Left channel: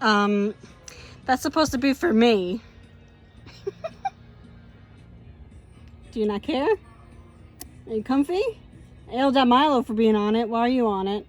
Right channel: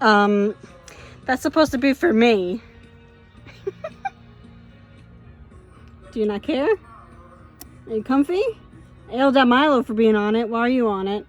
That's supposed to be for me. Do you not care? Are you comfy? I yelled at Milo for being on it. Why are you on it?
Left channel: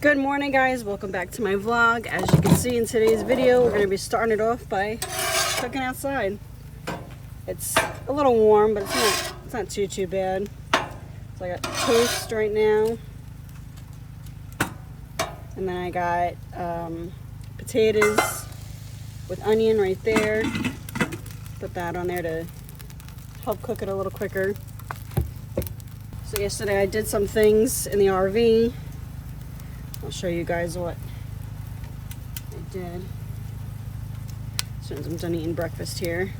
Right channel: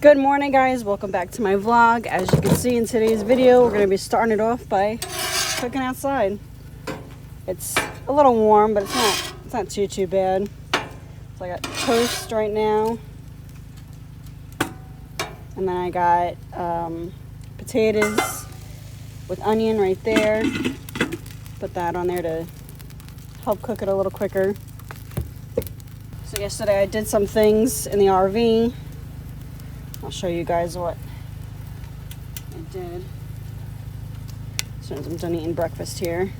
Good morning, guys. Welcome back to my vlog. As you can see in today's video, we're going to be starting it off by cooking outside. It's a little warm, but it's not too bad. So I got toast right now, and then I got potatoes with onion right there. Put that on there to help cook it a little quicker. So yesterday I did some things in the RV. I'll show you guys what I did. As soon as I'm done eating breakfast here.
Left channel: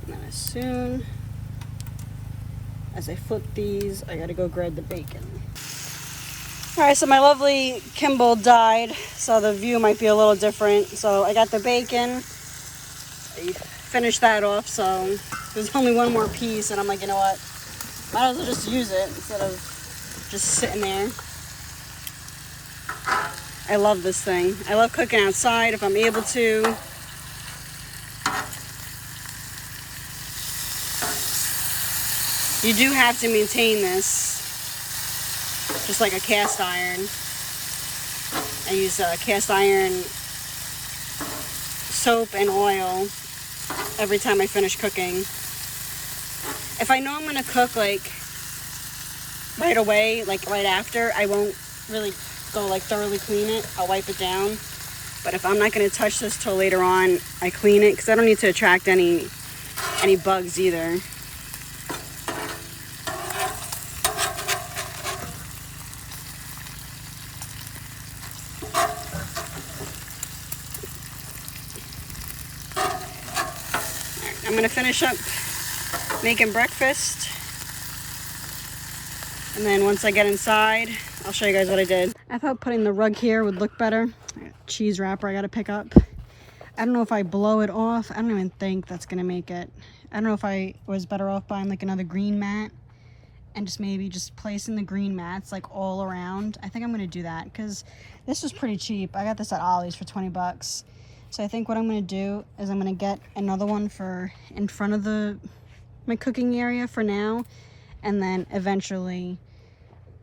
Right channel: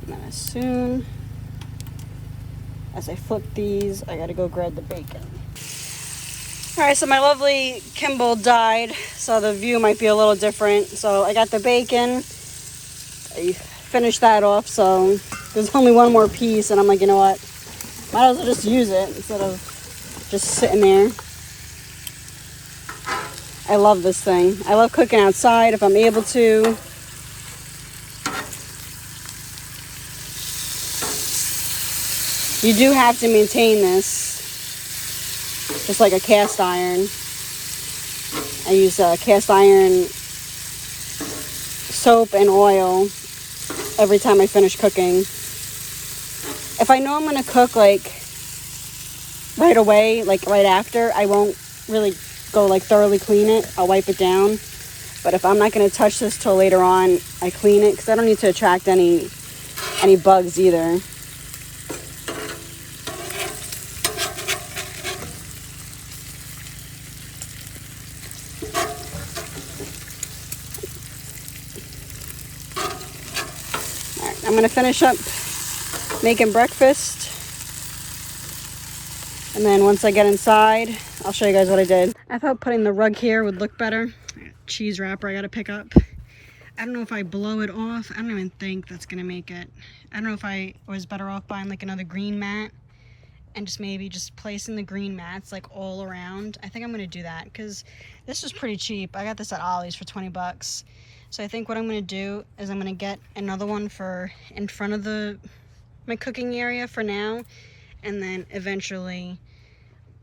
And then as soon as I flip these, I gotta go grab the bacon. Alright, so my lovely Kimball died, so the view might be a little different. So I got the bacon. I finished that off, so there's only one more piece, and I'm like, you know what? Might as well just use it instead of just sitting there. I love this thing. I love cooking outside if I'm able to. You do have to maintain this, just like a cast iron. I use cast iron soap and oil every time I finish cooking. If I know I'm gonna cook like right away, like right after, I won't really go like thoroughly clean it. I'll wipe it down. But if I'm not gonna touch this till later on, I clean it because I don't need to attract any bugs either. Alright, I'm gonna finish up making breakfast, and then once I get inside, I'll show you guys what I did. I thought putting the rug here would look better. Cheese wrapper I gotta pick up. I don't know if I blow it off. I don't even think that's gonna make it. I don't know if I was better off buying like another green mat and just maybe just placing the green mats like all around. I think I'm gonna do that because this was pretty cheap. I got this at Ollie's for 20 bucks. So I think what I'm gonna do is I'm gonna get another one for in front of my cooking area for now, and then eventually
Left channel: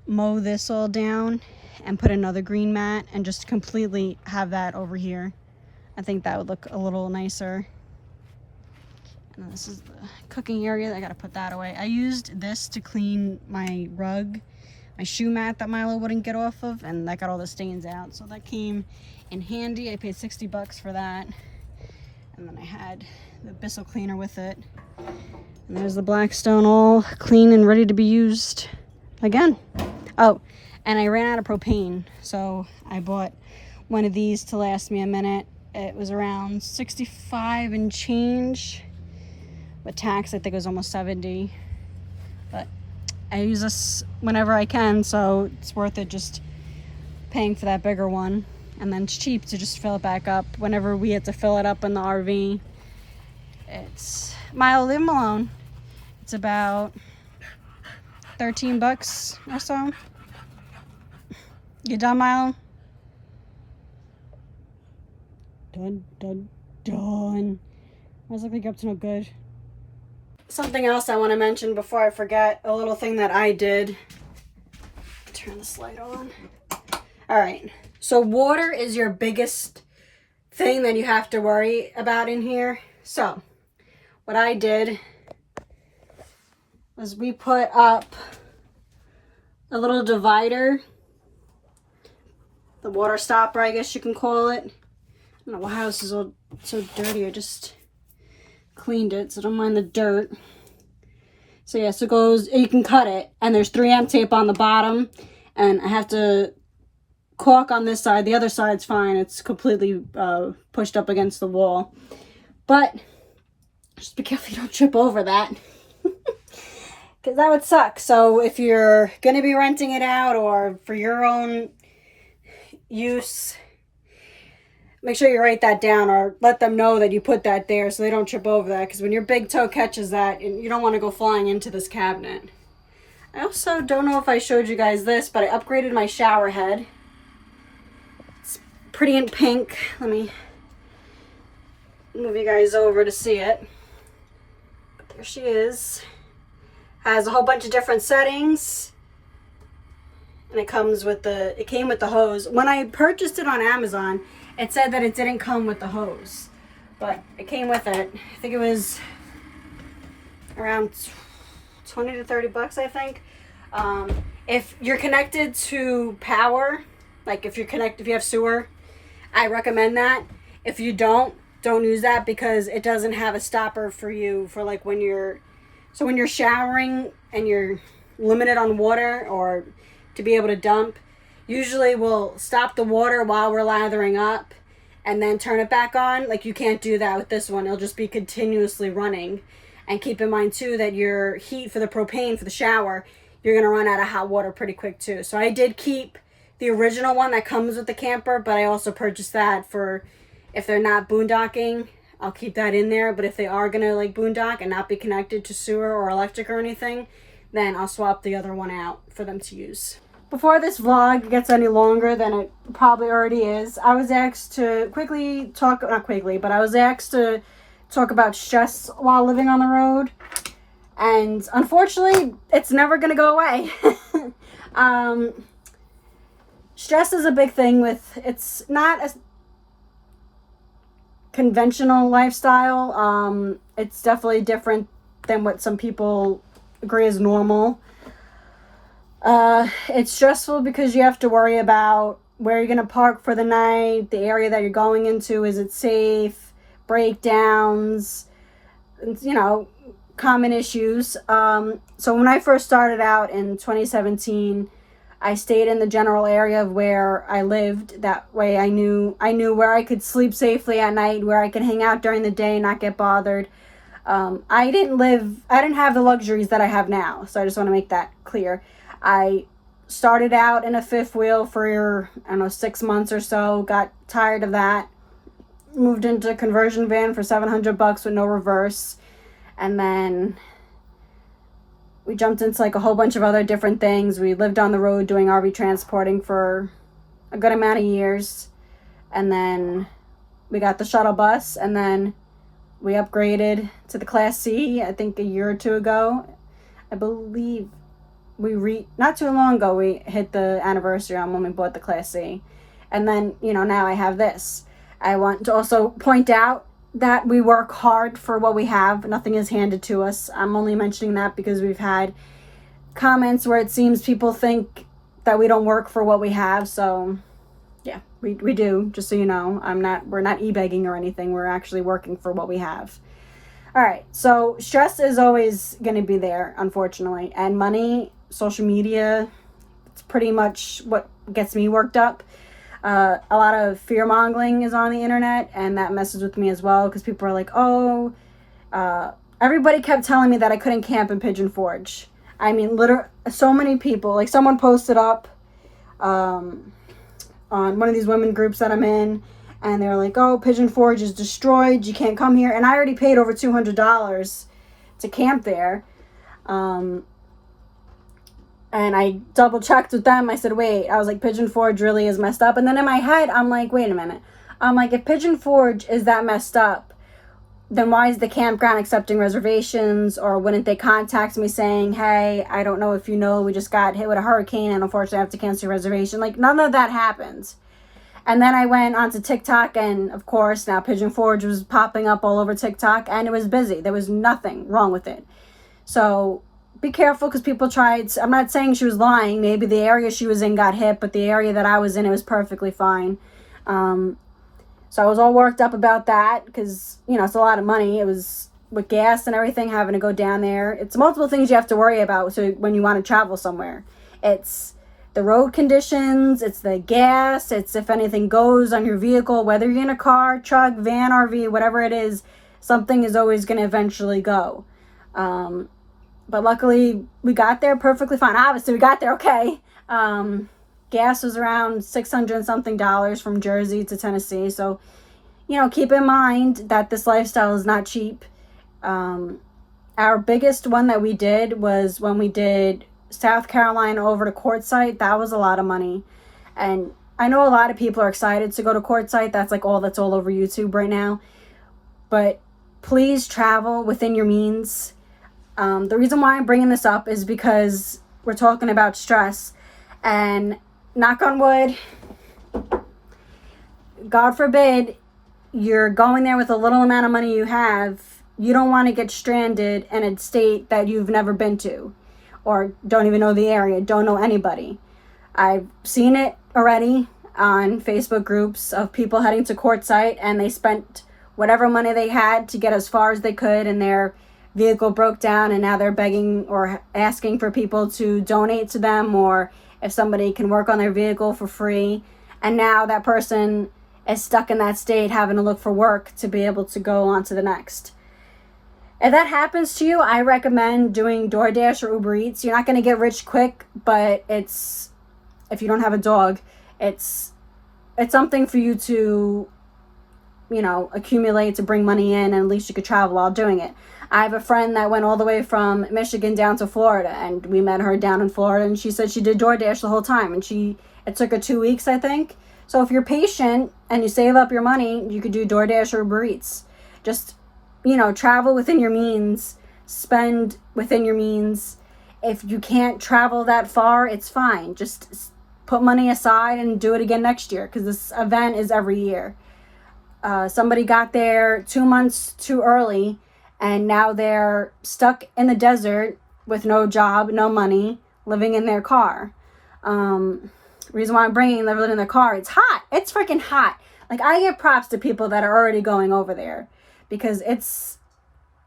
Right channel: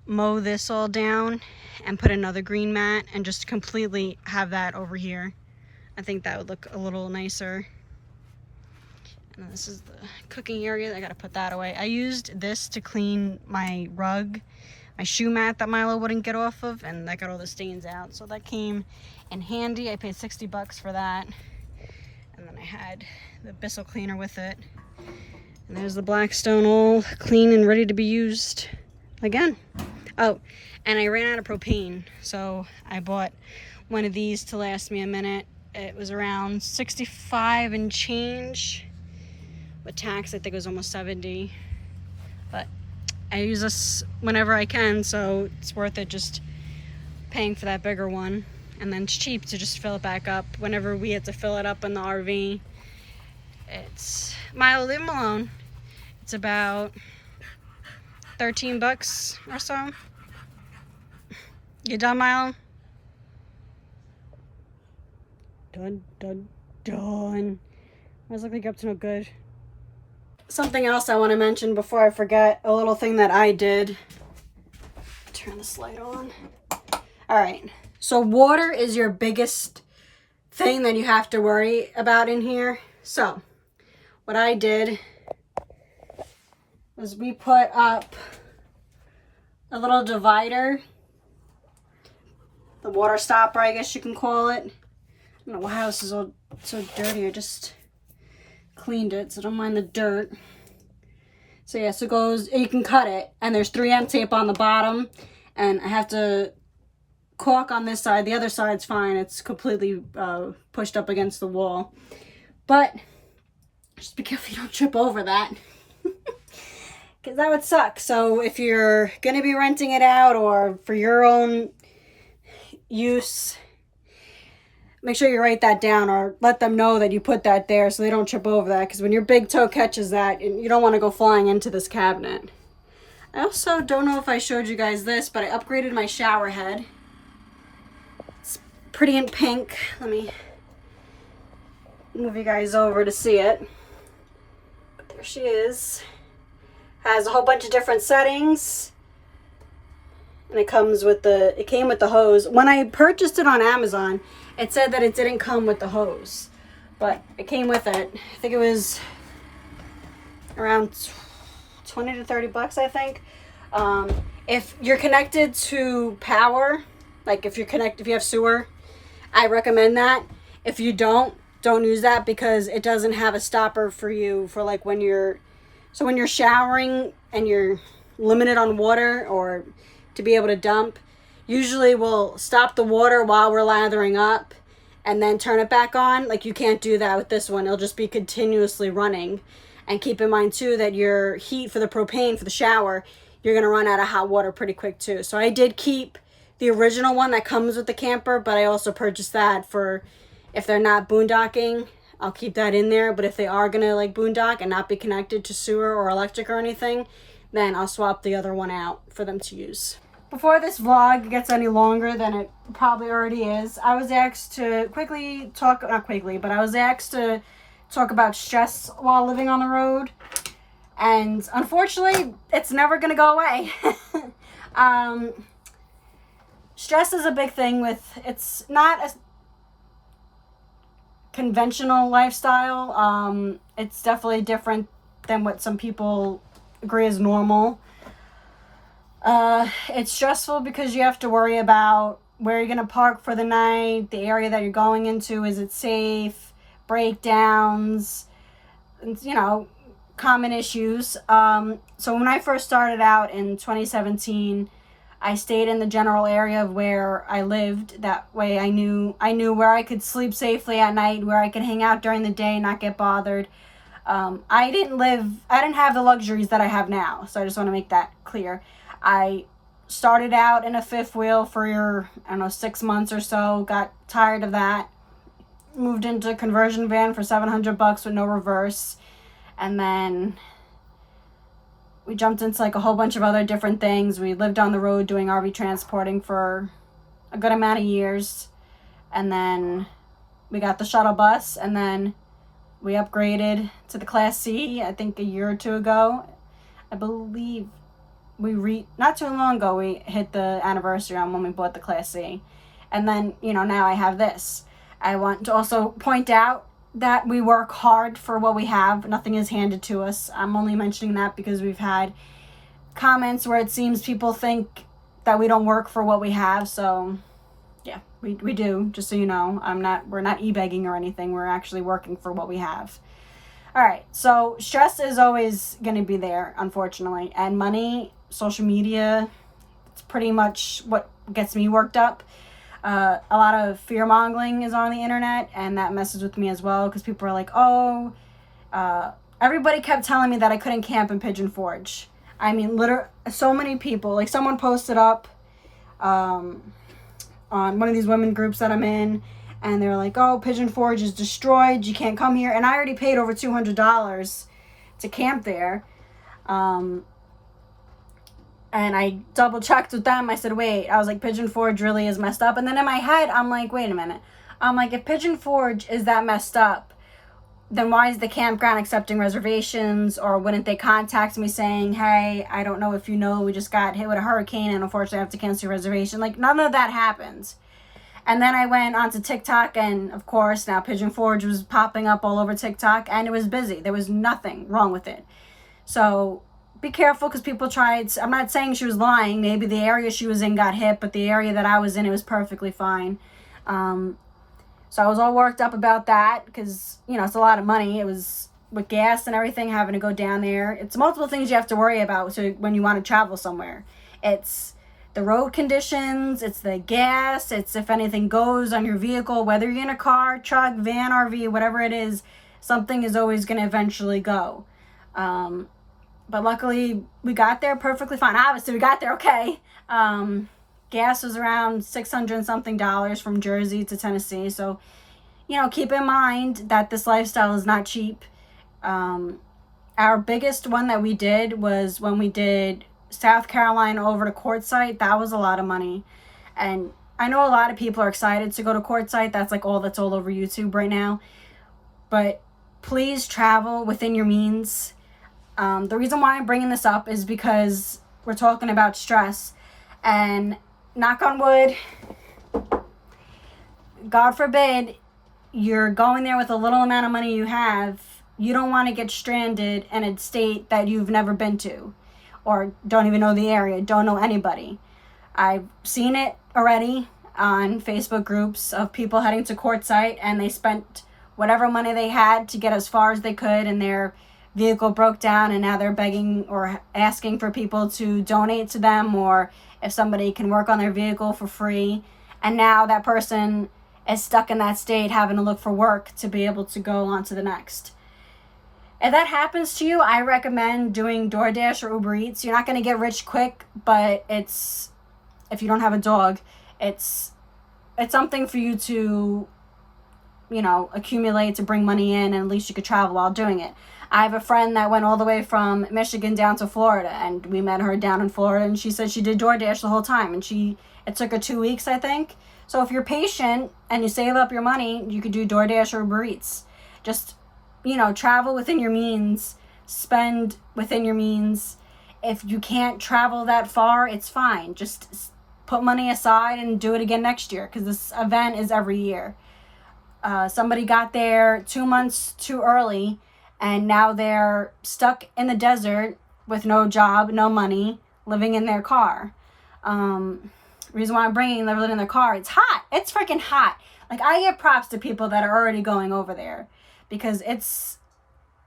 mow this all down and put another green mat and just completely have that over here. I think that would look a little nicer. And then this is the cooking area. I gotta put that away. I used this to clean my rug, my shoe mat that Milo wouldn't get off of, and that got all the stains out. So that came in handy. I paid 60 bucks for that. And then I had the Bissell cleaner with it. And there's the Blackstone all clean and ready to be used again. Oh, and I ran out of propane, so I bought one of these to last me a minute. It was around 65 and change. With tax, I think it was almost 70. But I use this whenever I can, so it's worth it just paying for that bigger one. And then it's cheap to just fill it back up whenever we had to fill it up in the RV. It's Milo, leave him alone. It's about 13 bucks or so. You done, Milo? Done. I was looking up to no good. Something else I want to mention before I forget, a little thing that I did. Turn this light on. All right. So water is your biggest thing that you have to worry about in here. So what I did was we put up a little divider, the water stopper, I guess you can call it. I don't know why my house is all so dirty. I just cleaned it, so don't mind the dirt. So yeah, so it goes, you can cut it, and there's 3M tape on the bottom, and I have to caulk on this side. The other side's fine. It's completely pushed up against the wall. But just be careful you don't trip over that. Because that would suck. So if you're going to be renting it out or for your own use, make sure you write that down or let them know that you put that there so they don't trip over that. Because when your big toe catches that, you don't want to go flying into this cabinet. I also don't know if I showed you guys this, but I upgraded my shower head. It's pretty in pink. Let me move you guys over to see it. But there she is. Has a whole bunch of different settings. And it came with the hose. When I purchased it on Amazon, it said that it didn't come with the hose, but it came with it. I think it was around 20 to 30 bucks, I think. If you're connected to power, like if you have sewer, I recommend that. If you don't use that, because it doesn't have a stopper for you for like when you're showering and you're limited on water or to be able to dump. Usually we'll stop the water while we're lathering up and then turn it back on. Like, you can't do that with this one. It'll just be continuously running. And keep in mind too that your heat for the propane for the shower, you're gonna run out of hot water pretty quick too. So I did keep the original one that comes with the camper, but I also purchased that for if they're not boondocking. I'll keep that in there. But if they are gonna like boondock and not be connected to sewer or electric or anything, then I'll swap the other one out for them to use. Before this vlog gets any longer than it probably already is, I was asked to I was asked to talk about stress while living on the road. And unfortunately, it's never going to go away. Stress is a big thing it's not a conventional lifestyle. It's definitely different than what some people agree is normal. It's stressful because you have to worry about where you're going to park for the night, the area that you're going into, is it safe, breakdowns, common issues. So when I first started out in 2017, I stayed in the general area of where I lived. That way I knew where I could sleep safely at night, where I could hang out during the day and not get bothered. I didn't have the luxuries that I have now. So I just want to make that clear. I started out in a fifth wheel for, 6 months or so, got tired of that, moved into a conversion van for $700 with no reverse, and then we jumped into like a whole bunch of other different things. We lived on the road doing RV transporting for a good amount of years, and then we got the shuttle bus, and then we upgraded to the Class C, I think a year or two ago. I believe not too long ago, we hit the anniversary on when we bought the Class C. And then, now I have this. I want to also point out that we work hard for what we have. Nothing is handed to us. I'm only mentioning that because we've had comments where it seems people think that we don't work for what we have. So yeah, we do, just so you know. We're not e-begging or anything. We're actually working for what we have. All right, so stress is always going to be there, unfortunately. And money, social media, it's pretty much what gets me worked up. A lot of fear-mongering is on the internet, and that messes with me as well, because people are like, everybody kept telling me that I couldn't camp in Pigeon Forge. I mean, literally, so many people. Like, someone posted up on one of these women groups that I'm in, and they're like, oh, Pigeon Forge is destroyed, you can't come here. And I already paid over $200 to camp there. And I double checked with them. I said, wait, I was like, Pigeon Forge really is messed up. And then in my head, I'm like, wait a minute. I'm like, if Pigeon Forge is that messed up, then why is the campground accepting reservations? Or wouldn't they contact me saying, hey, I don't know if you know, we just got hit with a hurricane and unfortunately I have to cancel your reservation. Like, none of that happens. And then I went onto TikTok, and of course now Pigeon Forge was popping up all over TikTok, and it was busy. There was nothing wrong with it. So be careful, because people tried. I'm not saying she was lying. Maybe the area she was in got hit, but the area that I was in, it was perfectly fine. So I was all worked up about that, because, it's a lot of money. It was with gas and everything, having to go down there. It's multiple things you have to worry about so when you want to travel somewhere. It's the road conditions, it's the gas, it's if anything goes on your vehicle, whether you're in a car, truck, van, RV, whatever it is, something is always going to eventually go. But luckily we got there perfectly fine. Obviously we got there okay. Gas was around $600 and something from Jersey to Tennessee. So, keep in mind that this lifestyle is not cheap. Our biggest one that we did was when we did South Carolina over to Quartzsite. That was a lot of money. And I know a lot of people are excited to go to Quartzsite. That's like all that's all over YouTube right now. But please travel within your means. The reason why I'm bringing this up is because we're talking about stress. And knock on wood, God forbid, you're going there with a little amount of money you have. You don't want to get stranded in a state that you've never been to or don't even know the area, don't know anybody. I've seen it already on Facebook groups of people heading to Quartzsite, and they spent whatever money they had to get as far as they could, and their vehicle broke down, and now they're begging or asking for people to donate to them, or if somebody can work on their vehicle for free. And now that person is stuck in that state having to look for work to be able to go on to the next. If that happens to you, I recommend doing DoorDash or Uber Eats. You're not going to get rich quick, but if you don't have a dog, it's something for you to, accumulate to bring money in, and at least you could travel while doing it. I have a friend that went all the way from Michigan down to Florida, and we met her down in Florida, and she said she did DoorDash the whole time, and it took her 2 weeks, I think. So if you're patient and you save up your money, you could do DoorDash or Uber Eats. Just, travel within your means, spend within your means. If you can't travel that far, it's fine. Just put money aside and do it again next year, because this event is every year. Somebody got there 2 months too early, and now they're stuck in the desert with no job, no money, living in their car. Reason why I'm bringing them living in their car, it's hot. It's freaking hot. Like, I give props to people that are already going over there, because it's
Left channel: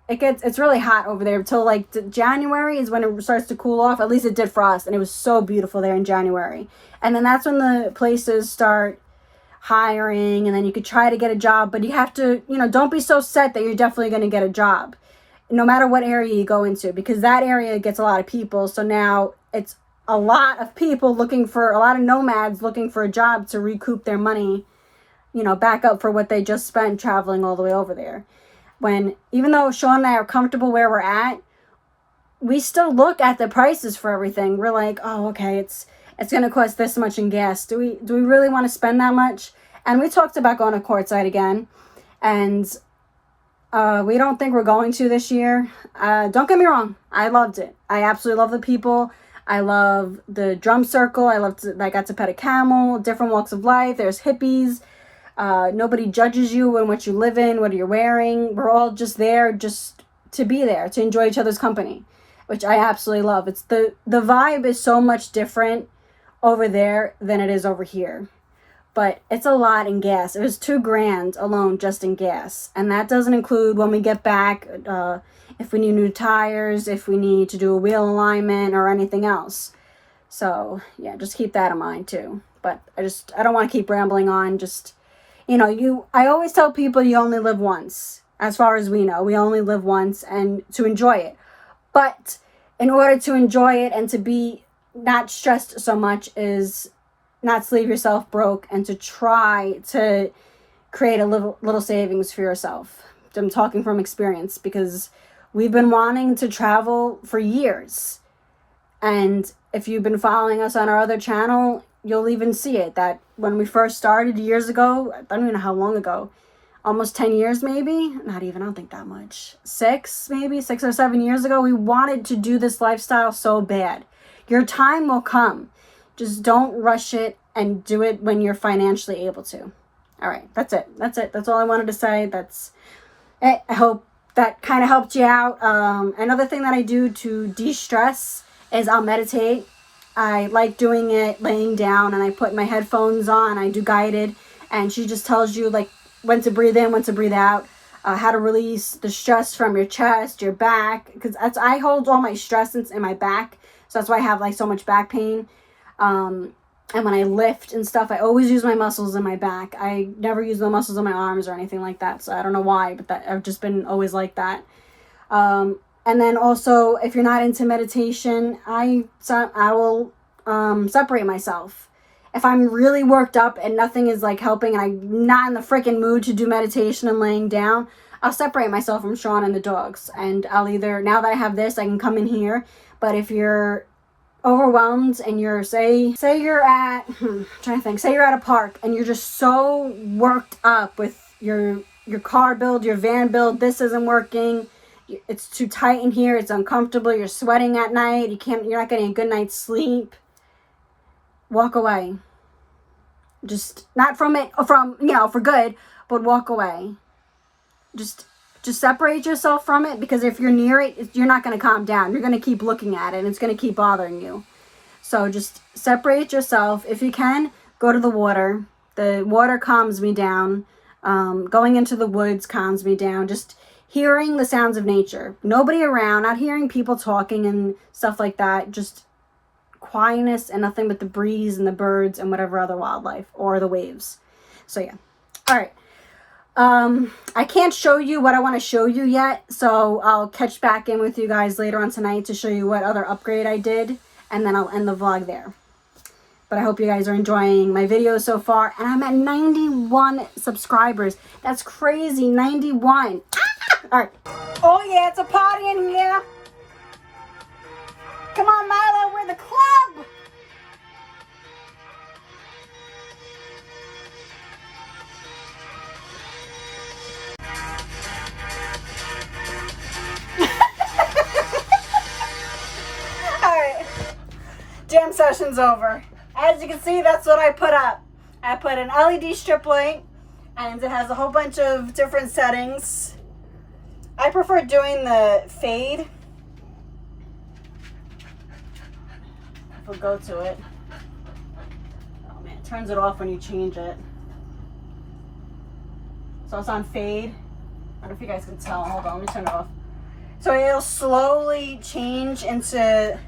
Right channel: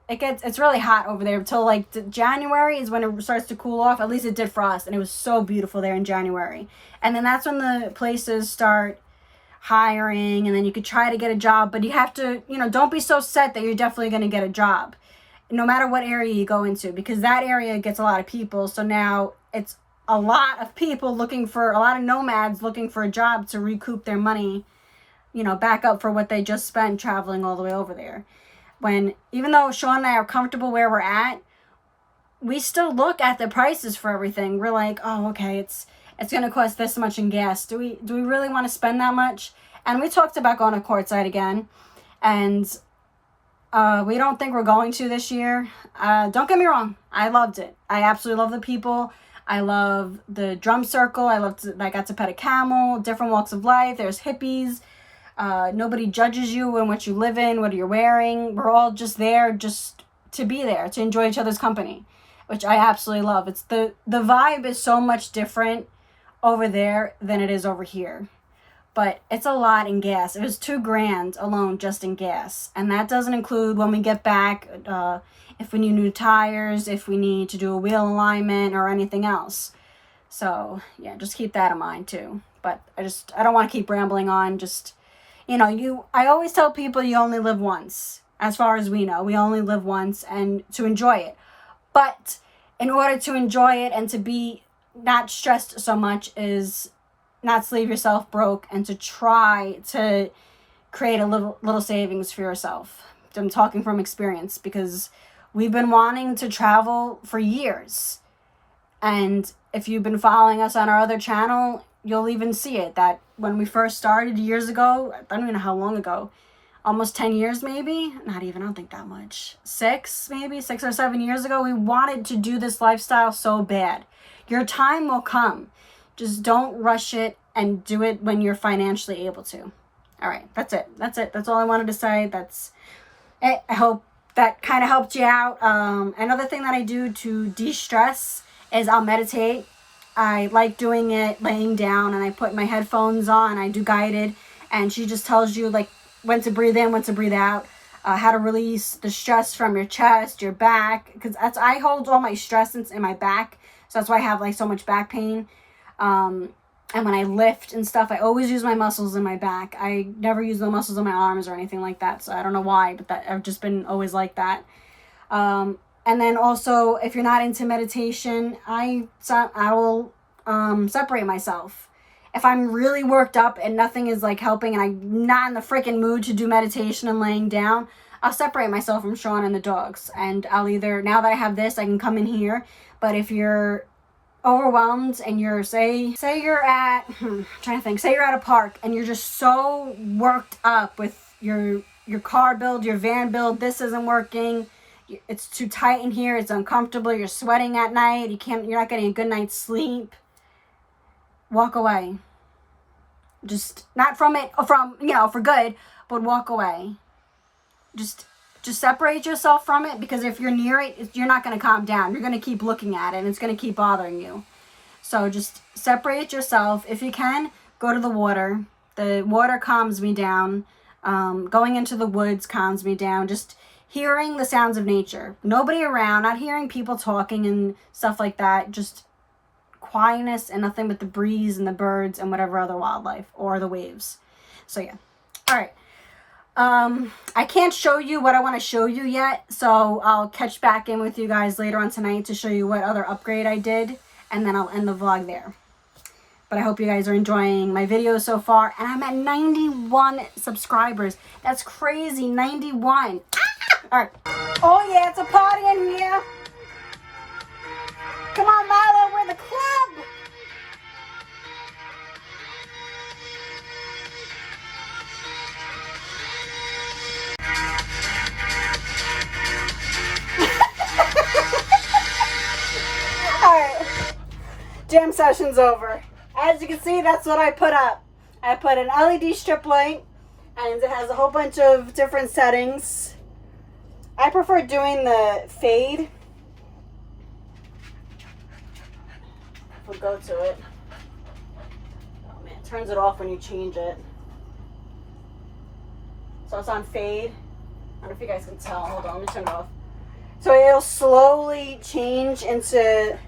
really hot over there until like January is when it starts to cool off. At least it did for us, and it was so beautiful there in January. And then that's when the places start hiring, and then you could try to get a job, but you have to, don't be so set that you're definitely going to get a job, no matter what area you go into, because that area gets a lot of people. So now it's a lot of people a lot of nomads looking for a job to recoup their money, back up for what they just spent traveling all the way over there. Even though Sean and I are comfortable where we're at, we still look at the prices for everything. We're like, oh, okay, it's going to cost this much in gas. Do we really want to spend that much? And we talked about going to Quartzsite again, and we don't think we're going to this year. Don't get me wrong, I loved it. I absolutely love the people. I love the drum circle. I got to pet a camel, different walks of life. There's hippies. Nobody judges you and what you live in, what you're wearing. We're all just there just to be there, to enjoy each other's company, which I absolutely love. It's the vibe is so much different over there than it is over here. But it's a lot in gas. It was $2,000 alone just in gas. And that doesn't include when we get back, if we need new tires, if we need to do a wheel alignment or anything else. So, yeah, just keep that in mind too. But I don't want to keep rambling on. Just, I always tell people you only live once. As far as we know, we only live once, and to enjoy it. But in order to enjoy it and to be not stressed so much is not to leave yourself broke, and to try to create a little savings for yourself. I'm talking from experience, because we've been wanting to travel for years. And if you've been following us on our other channel, you'll even see it, that when we first started years ago, I don't even know how long ago, almost 10 years maybe, not even, I don't think that much, 6 or 7 years ago, we wanted to do this lifestyle so bad. Your time will come. Just don't rush it, and do it when you're financially able to. All right, that's it. That's all I wanted to say. That's it. I hope that kind of helped you out. Another thing that I do to de-stress is I'll meditate. I like doing it laying down, and I put my headphones on. I do guided, and she just tells you like when to breathe in, when to breathe out. how to release the stress from your chest, your back, because I hold all my stress in my back, so that's why I have like so much back pain. And when I lift and stuff, I always use my muscles in my back. I never use the muscles in my arms or anything like that, so I don't know why, but that I've just been always like that. And then also, if you're not into meditation, I will separate myself. If I'm really worked up and nothing is like helping and I'm not in the freaking mood to do meditation and laying down, I'll separate myself from Sean and the dogs. And I'll either, now that I have this, I can come in here. But if you're overwhelmed and you're, say you're at, trying to think, say you're at a park and you're just so worked up with your car build, your van build, this isn't working, it's too tight in here, it's uncomfortable, you're sweating at night, you're not getting a good night's sleep, walk away. Just not from it, for good, but walk away. Just separate yourself from it, because if you're near it, you're not going to calm down. You're going to keep looking at it and it's going to keep bothering you. So just separate yourself. If you can, go to the water. The water calms me down. Going into the woods calms me down. Just hearing the sounds of nature. Nobody around, not hearing people talking and stuff like that. Just quietness and nothing but the breeze and the birds and whatever other wildlife or the waves. So yeah. All right. I can't show you what I want to show you yet, so I'll catch back in with you guys later on tonight to show you what other upgrade I did, and then I'll end the vlog there. But I hope you guys are enjoying my videos so far, and I'm at 91 subscribers. That's crazy, 91. All right. Oh yeah, it's a party in here. Come on, Milo, we're the club. Alright, jam session's over. As you can see, that's what I put up. I put an LED strip light, and it has a whole bunch of different settings. I prefer doing the fade. We'll go to it. Oh man, it turns it off when you change it. So it's on fade. I don't know if you guys can tell. Hold on, let me turn it off. So it'll slowly change into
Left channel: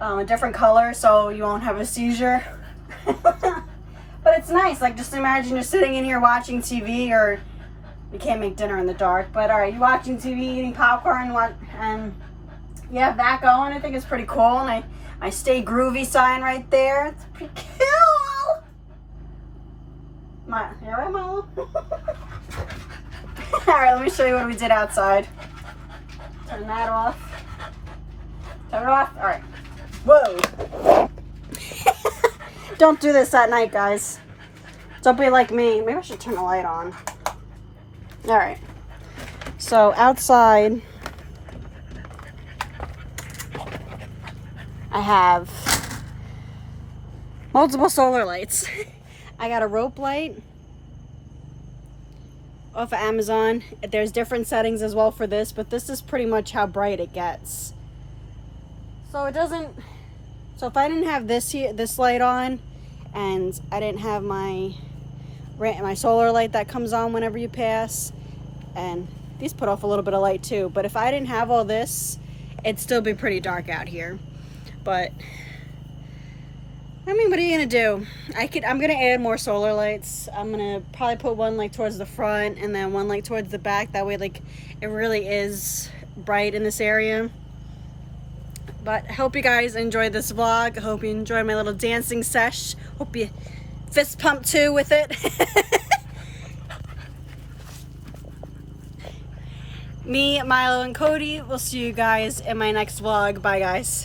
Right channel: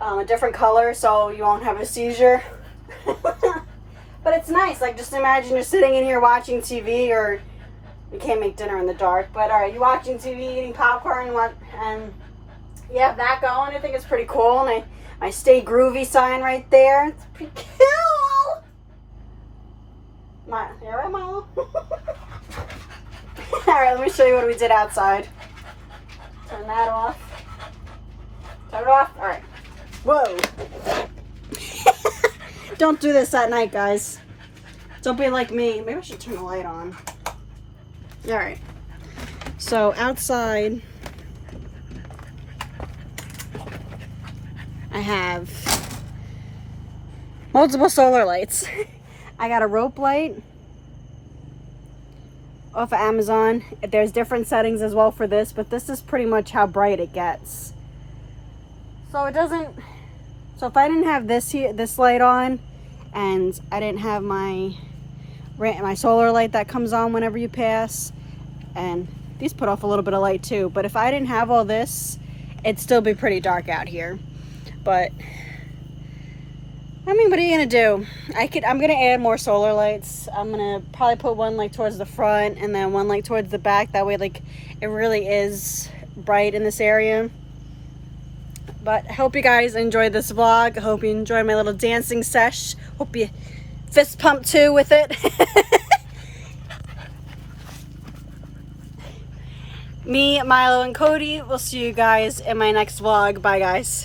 a different color, so you won't have a seizure. But it's nice. Like, just imagine you're sitting in here watching TV, or we can't make dinner in the dark. But all right, you're watching TV, eating popcorn, and you have that going. I think it's pretty cool. And my Stay Groovy sign right there. It's pretty cool. You all right, Milo? All right, let me show you what we did outside. Turn that off. Turn it off. All right. Whoa. Don't do this at night, guys. Don't be like me. Maybe I should turn the light on. All right. So outside, I have multiple solar lights. I got a rope light off of Amazon. There's different settings as well for this, but this is pretty much how bright it gets. So it doesn't, so if I didn't have this light on, and I didn't have my solar light that comes on whenever you pass, and these put off a little bit of light too, but if I didn't have all this, it'd still be pretty dark out here. But I mean, what are you gonna do? I'm gonna add more solar lights. I'm gonna probably put one like towards the front and then one like towards the back. That way, like, it really is bright in this area. But I hope you guys enjoyed this vlog. I hope you enjoyed my little dancing sesh. Hope you fist pump too with it. Me, Milo, and Cody will see you guys in my next vlog. Bye, guys.